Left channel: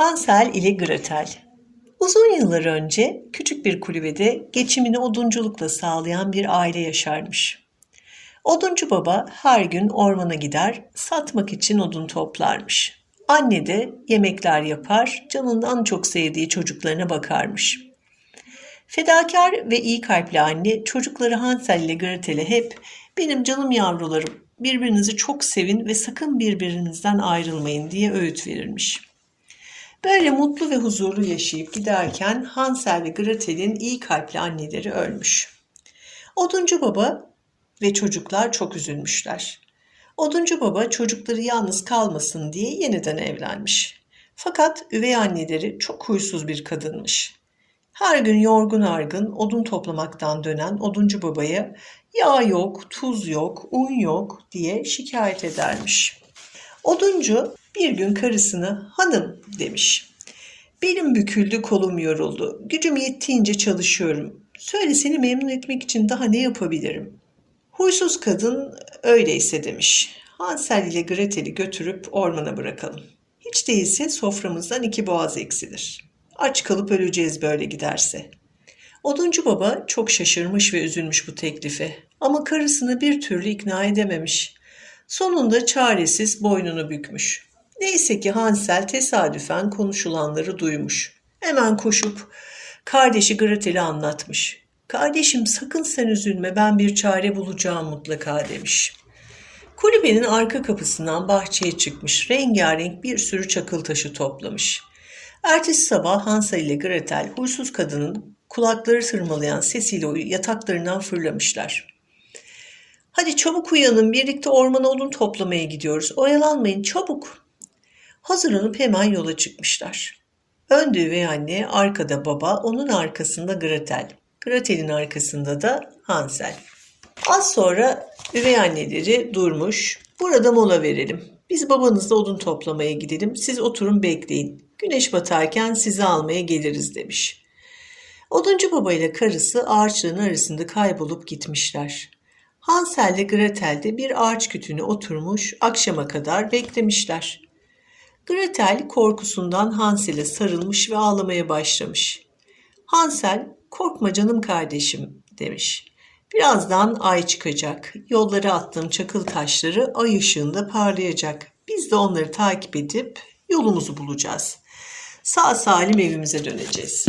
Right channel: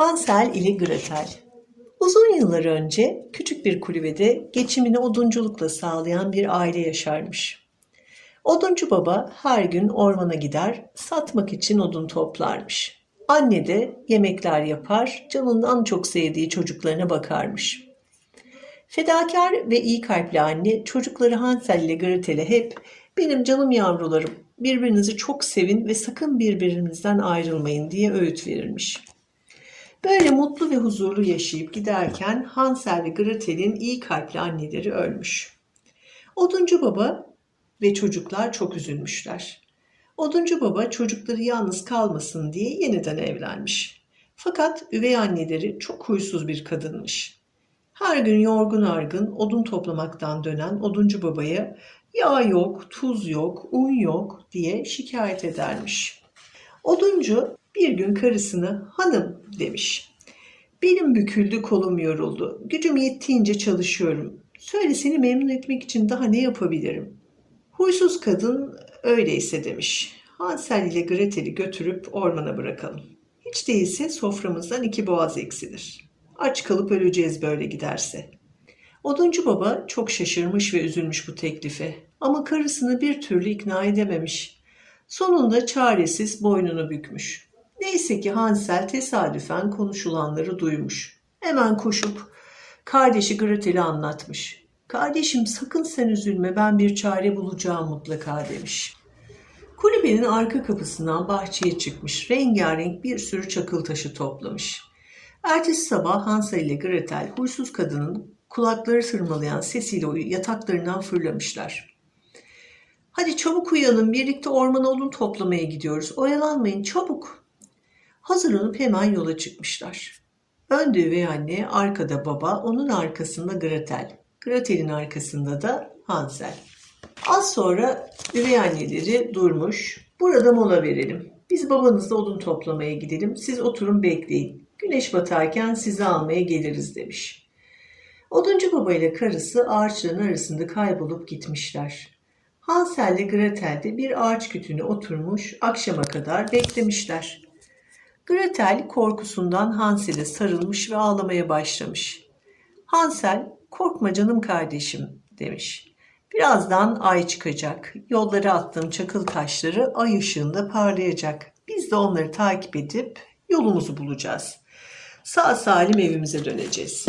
Hansel ile Gretel Uzun yıllar önce küçük bir kulübede geçimini odunculukla sağlayan bir aile yaşarmış. Oduncu baba her gün ormana gider, satmak için odun toplarmış. Anne de yemekler yapar, canından çok sevdiği çocuklarına bakarmış. Fedakar ve iyi kalpli anne çocukları Hansel ile Gretel'e hep benim canım yavrularım birbirinizi çok sevin ve sakın birbirinizden ayrılmayın diye öğüt verirmiş. Böyle mutlu ve huzurlu yaşayıp giderken Hansel ve Gretel'in iyi kalpli anneleri ölmüş. Oduncu baba ve çocuklar çok üzülmüşler. Oduncu baba çocukları yalnız kalmasın diye yeniden evlenmiş. Fakat üvey anneleri çok huysuz bir kadınmış. Her gün yorgun argın odun toplamaktan dönen oduncu babaya yağ yok, tuz yok, un yok diye şikayet edermiş. Oduncu bir gün karısını hanım demiş. Benim büküldü kolum yoruldu. Gücüm yettiğince çalışıyorum. Söyle seni memnun etmek için daha ne yapabilirim? Huysuz kadın öyleyse demiş. Hansel ile Gretel'i götürüp ormana bırakalım. Hiç değilse soframızdan iki boğaz eksilir. Aç kalıp öleceğiz böyle giderse. Oduncu baba çok şaşırmış ve üzülmüş bu teklife. Ama karısını bir türlü ikna edememiş. Sonunda çaresiz boynunu bükmüş. Neyse ki Hansel tesadüfen konuşulanları duymuş. Hemen koşup kardeşi Gretel'e anlatmış. Kardeşim sakın sen üzülme ben bir çare bulacağım mutlaka demiş. Kulübenin arka kapısından bahçeye çıkmış rengarenk bir sürü çakıl taşı toplamış. Ertesi sabah Hansel ile Gretel huysuz kadının kulakları tırmalayan sesiyle yataklarından fırlamışlar. Hadi çabuk uyanın birlikte ormana odun toplamaya gidiyoruz. Oyalanmayın çabuk. Hazırlanıp hemen yola çıkmışlar. Önde üvey anne, arkada baba, onun arkasında Gretel. Gretel'in arkasında da Hansel. Az sonra üvey anneleri durmuş. Burada mola verelim. Biz babanızla odun toplamaya gidelim. Siz oturun bekleyin. Güneş batarken sizi almaya geliriz demiş. Oduncu baba ile karısı ağaçların arasında kaybolup gitmişler. Hansel ile Gretel de bir ağaç kütüğüne oturmuş akşama kadar beklemişler. Gretel korkusundan Hansel'e sarılmış ve ağlamaya başlamış. Hansel, korkma canım kardeşim demiş. Birazdan ay çıkacak. Yollara attığım çakıl taşları ay ışığında parlayacak. Biz de onları takip edip yolumuzu bulacağız. Sağ salim evimize döneceğiz.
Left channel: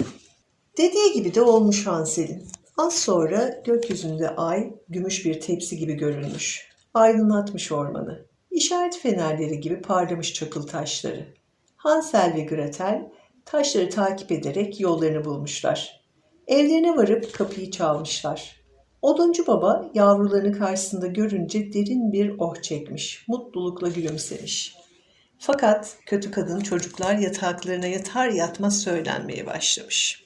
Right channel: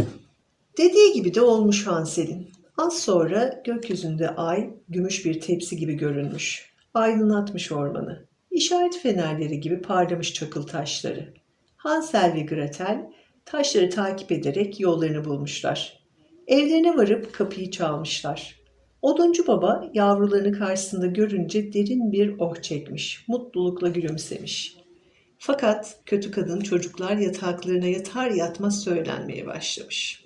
Dediği gibi de olmuş Hansel'in. Az sonra gökyüzünde ay gümüş bir tepsi gibi görünmüş. Aydınlatmış ormanı. İşaret fenerleri gibi parlamış çakıl taşları. Hansel ve Gretel taşları takip ederek yollarını bulmuşlar. Evlerine varıp kapıyı çalmışlar. Oduncu baba yavrularını karşısında görünce derin bir oh çekmiş, mutlulukla gülümsemiş. Fakat kötü kadın çocuklar yataklarına yatar yatmaz söylenmeye başlamış.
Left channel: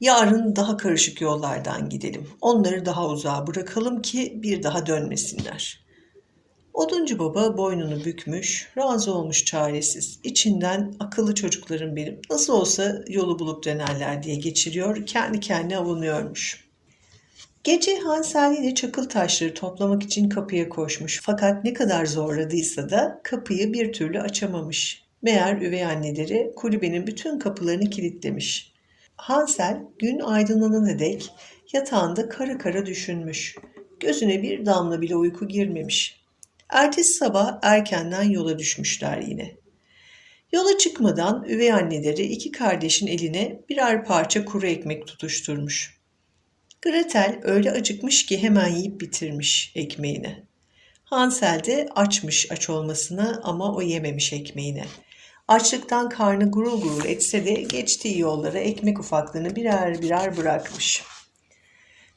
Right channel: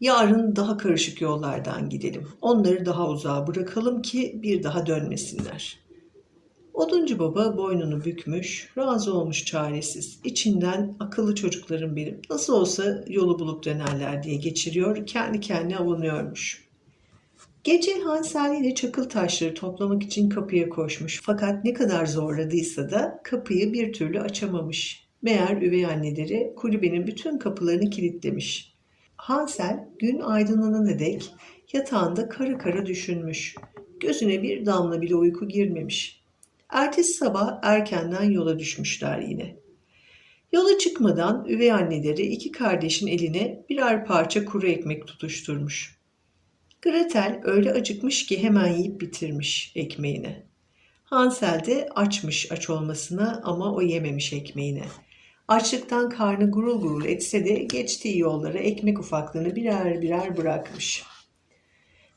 Yarın daha karışık yollardan gidelim. Onları daha uzağa bırakalım ki bir daha dönmesinler. Oduncu baba boynunu bükmüş, razı olmuş çaresiz. İçinden akıllı çocuklarım benim. Nasıl olsa yolu bulup dönerler diye geçiriyor, kendi kendine avunuyormuş. Gece Hansel ile çakıl taşları toplamak için kapıya koşmuş. Fakat ne kadar zorladıysa da kapıyı bir türlü açamamış. Meğer üvey anneleri kulübenin bütün kapılarını kilitlemiş. Hansel gün aydınlanana dek yatağında kara kara düşünmüş. Gözüne bir damla bile uyku girmemiş. Ertesi sabah erkenden yola düşmüşler yine. Yola çıkmadan üvey anneleri iki kardeşin eline birer parça kuru ekmek tutuşturmuş. Gretel öyle acıkmış ki hemen yiyip bitirmiş ekmeğini. Hansel de açmış aç olmasına ama o yememiş ekmeğini. Açlıktan karnı gurul gurul etse de geçtiği yollara ekmek ufaklığını birer birer bırakmış.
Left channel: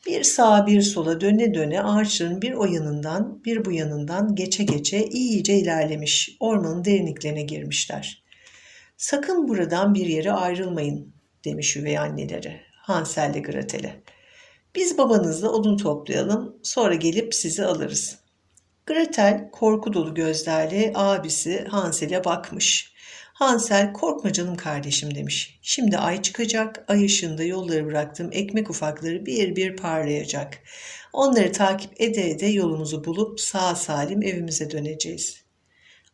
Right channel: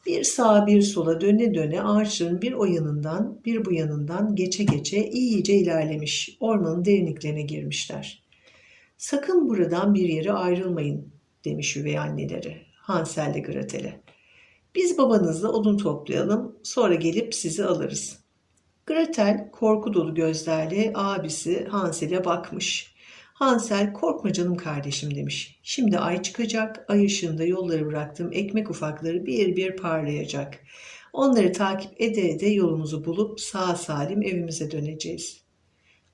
Bir sağa bir sola döne döne ağaçların bir o yanından bir bu yanından geçe geçe iyice ilerlemiş. Ormanın derinliklerine girmişler. Sakın buradan bir yere ayrılmayın demiş üvey anneleri Hansel ile Gretel'e. Biz babanızla odun toplayalım sonra gelip sizi alırız. Gretel korku dolu gözlerle abisi Hansel'e bakmış. Hansel korkma canım kardeşim demiş. Şimdi ay çıkacak, ay ışığında yolları bıraktığım ekmek ufakları bir bir parlayacak. Onları takip ede ede yolumuzu bulup sağ salim evimize döneceğiz.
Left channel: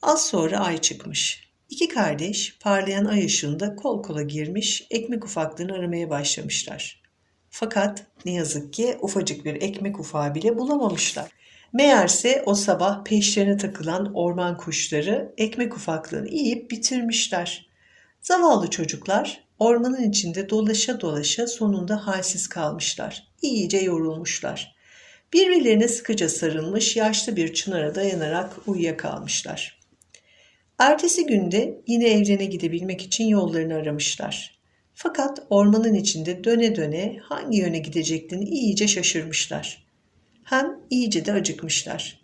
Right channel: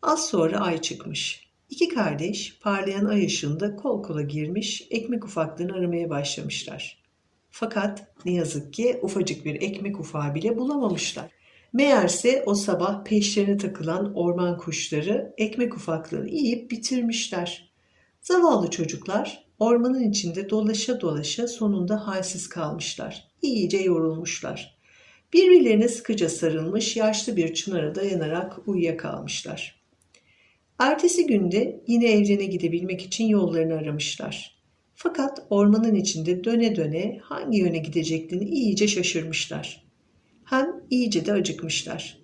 Az sonra ay çıkmış. İki kardeş parlayan ay ışığında kol kola girmiş ekmek ufaklarını aramaya başlamışlar. Fakat ne yazık ki ufacık bir ekmek ufağı bile bulamamışlar. Meğerse o sabah peşlerine takılan orman kuşları ekmek ufaklığını yiyip bitirmişler. Zavallı çocuklar ormanın içinde dolaşa dolaşa sonunda halsiz kalmışlar. İyice yorulmuşlar. Birbirlerine sıkıca sarılmış yaşlı bir çınara dayanarak uyuyakalmışlar. Ertesi günde yine evlerine gidebilmek için yollarını aramışlar. Fakat ormanın içinde döne döne hangi yöne gideceklerini iyice şaşırmışlar. Hem iyice de acıkmışlar.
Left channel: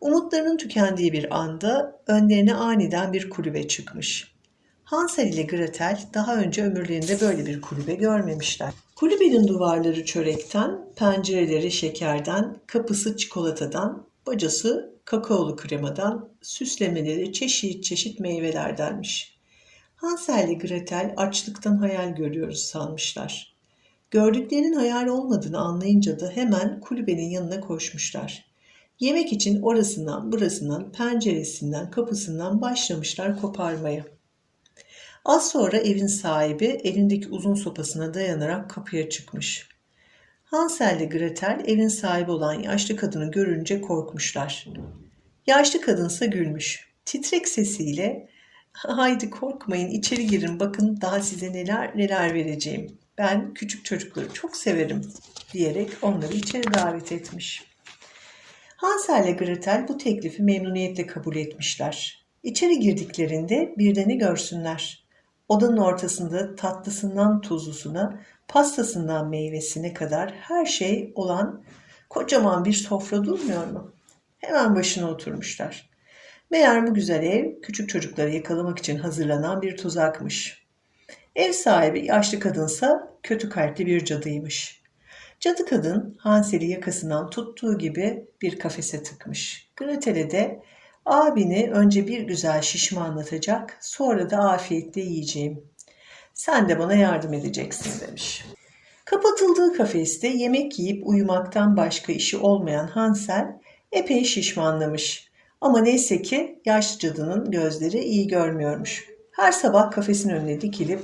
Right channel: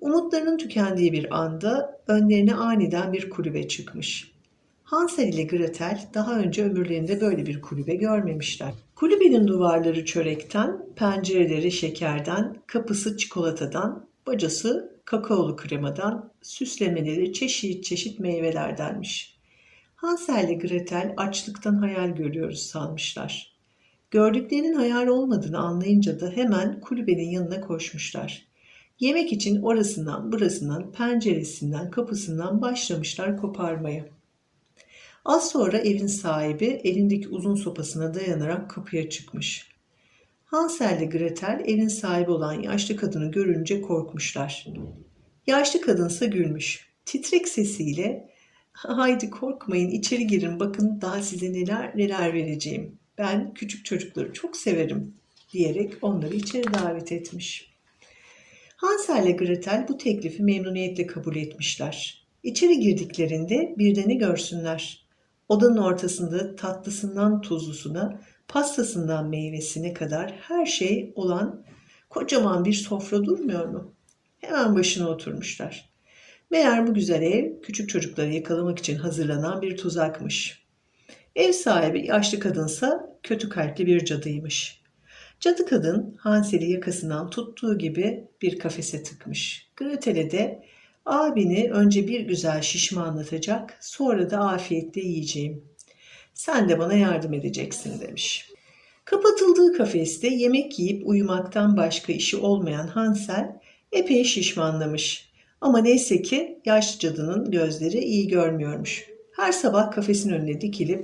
Umutlarının tükendiği bir anda önlerine aniden bir kulübe çıkmış. Hansel ile Gretel daha önce ömürlerinde böyle bir kulübe görmemişler. Kulübenin duvarları çörekten, pencereleri şekerden, kapısı çikolatadan, bacası kakaolu kremadan, süslemeleri çeşit çeşit meyvelerdenmiş. Hansel ile Gretel açlıktan hayal görüyoruz sanmışlar. Gördüklerinin hayal olmadığını anlayınca da hemen kulübenin yanına koşmuşlar. Yemek için orasından burasından, penceresinden, kapısından başlamışlar koparmaya. Az sonra evin sahibi elindeki uzun sopasına dayanarak kapıya çıkmış. Hansel ile Gretel evin sahibi olan yaşlı kadını görünce korkmuşlar. Yaşlı kadınsa gülmüş. Titrek sesiyle haydi korkmayın içeri girin bakın daha size neler neler vereceğim. Ben küçük çocukları çok severim diyerek onları içeri davet etmiş. Hansel ile Gretel bu teklifi memnuniyetle kabul etmişler. İçeri girdiklerinde bir de ne görsünler. Odanın ortasında tatlısından tuzlusuna, pastasından meyvesine kadar her şey olan kocaman bir sofra durmuyor mu? Hemen başına oturmuşlar. Meğer bu güzel ev küçük çocukları yakalamak için hazırlanan bir tuzakmış. Ev sahibi yaşlı kadınsa kötü kalpli bir cadıymış. Cadı kadın Hansel'i yakasından tuttuğu gibi bir kafese tıkmış. Gretel'e de abini önce bir güzel şişmanlatacak sonra da afiyetle yiyeceğim. Sen de bana yardım edeceksin demiş. Kapatıldığı kafeste yemek yiyip uyumaktan başka işi olmayan Hansel epey şişmanlamış. Ama neyse ki yaşlı cadının gözleri iyi görmüyormuş. Her sabah kafesin önüne dikilip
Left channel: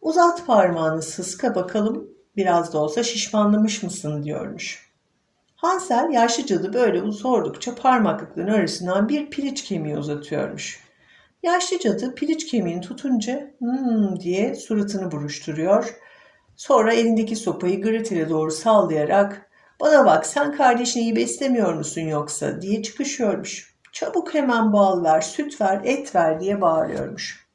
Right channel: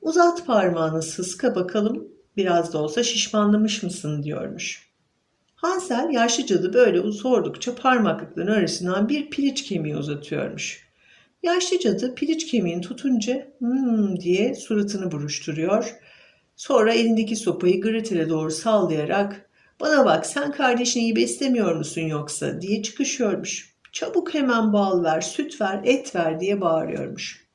uzat parmağını sıska bakalım biraz da olsa şişmanlamış mısın diyormuş. Hansel yaşlı cadı böyle sordukça parmaklıkların arasından bir piliç kemiği uzatıyormuş. Yaşlı cadı piliç kemiğini tutunca hmm diye suratını buruşturuyor. Sonra elindeki sopayı Gretel'e doğru sallayarak bana bak sen kardeşini iyi beslemiyor musun yoksa diye çıkışıyormuş. Çabuk hemen bal ver, süt ver, et ver diye bağırıyormuş.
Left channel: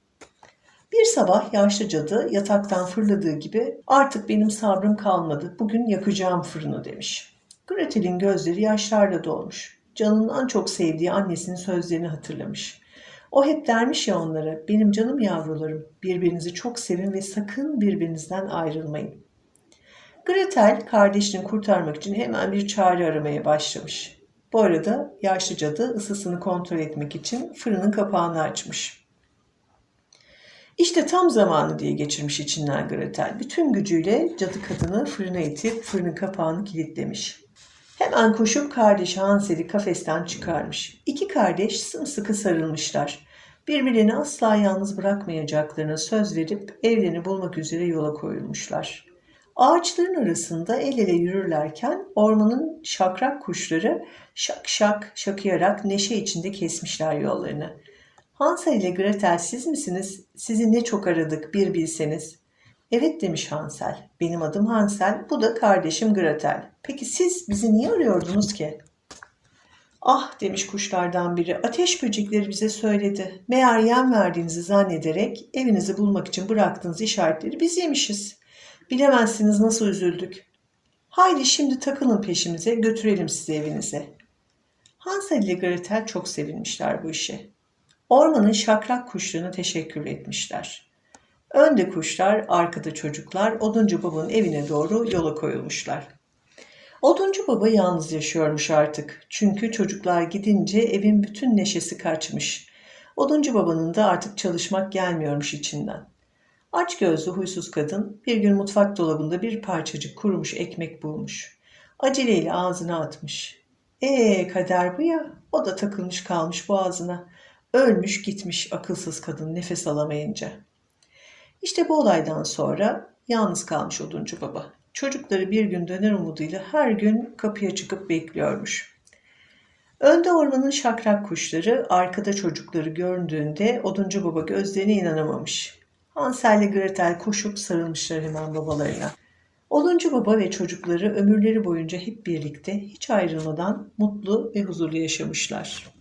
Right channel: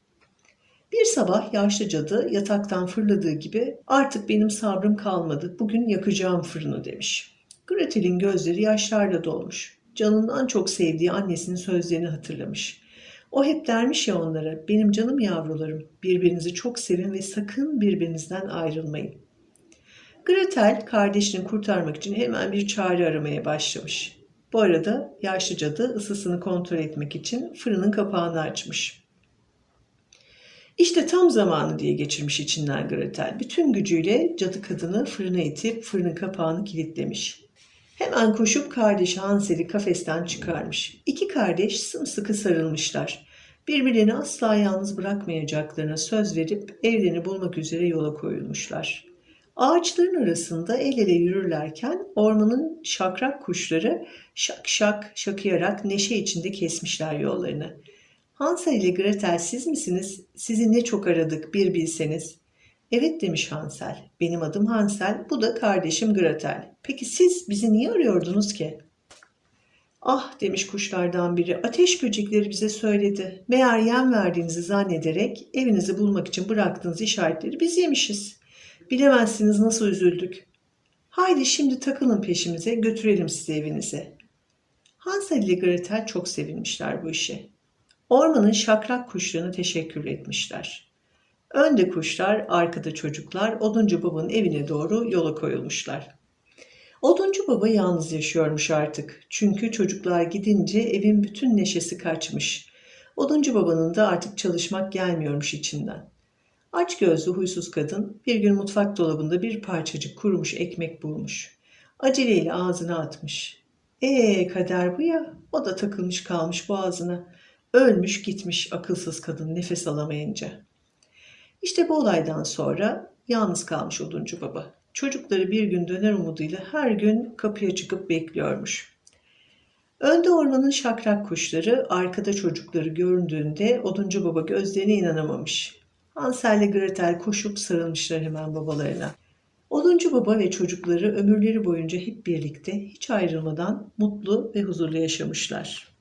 Bir sabah yaşlı cadı yataktan fırladığı gibi artık benim sabrım kalmadı. Bugün yakacağım fırını demiş. Gretel'in gözleri yaşlarla dolmuş. Canından çok sevdiği annesinin sözlerini hatırlamış. O hep dermiş ya onlara, benim canım yavrularım, birbirinizi çok sevin ve sakın birbirinizden ayrılmayın. Gretel kardeşini kurtarmak için hemen bir çare aramaya başlamış. Bu arada yaşlı cadı ısısını kontrol etmek için fırının kapağını açmış. İşte tam zamanı diye geçirmiş içinden Gretel. Bütün gücüyle cadı kadını fırına itip fırının kapağını kilitlemiş. Hemen koşup kardeşi Hansel'i kafesten çıkarmış. İki kardeş sımsıkı sarılmışlar. Birbirlerini asla yalnız bırakmayacaklarına söz verip evlerini bulmak üzere yola koyulmuşlar. Ağaçların arasında el ele yürürlerken ormanın şakrak kuşları şak şak şakıyarak neşe içinde kesmişler yollarını. Hansel ile Gretel siz misiniz? Sizi ne çok aradık bir bilseniz. Evet demiş Hansel. Benim adım Hansel, bu da kardeşim Gretel. Peki siz bizi niye arıyordunuz ki? Ah demiş kuşlardan biri, ateş böcekleri bize söyledi. Meğer yem verdiğinizi zannederek evinizi bulmak için bıraktığınız işaretleri biz yemişiz. Bilemezsiniz nasıl üzüldük. Haydi şimdi takılın peşimize, götürelim sizi evinize. Hansel ile Gretel çok sevinmişler bu işe. Ormanın şakrak kuşlarına teşekkür etmişler. Önde kuşlar, arkada çocuklar Oduncu Baba'nın evine doğru yola koyulmuşlar. Oduncu Baba yalnız yaşıyormuş artık. Çünkü çocuklar gidince evin bütün neşesi kaçmış. Oduncu Baba'nın da artık çalışmak gelmiyormuş içinden. Aç gözlü huysuz kadın bir gün mutfak dolabında bir parçacık kurumuş ekmek bulmuş. Aceleyle ağzına atmış. Ee kader bu ya. O da takılmış kalmış boğazına. Ölmüş gitmiş akılsız kadın nefes alamayınca. İşte bu olaydan sonra yalnız kalmış oduncu baba. Çocukları bir gün döner umuduyla her gün kapıya çıkıp bekliyormuş. Önde ormanın şakrak kuşları, arkada çocukları gördüğünde oduncu baba gözlerine inanamamış. Hansel ile Gretel koşup sarılmışlar hemen babalarına. Oduncu baba ve çocukları ömürleri boyunca hep birlikte hiç ayrılmadan mutlu ve huzurlu yaşamışlar.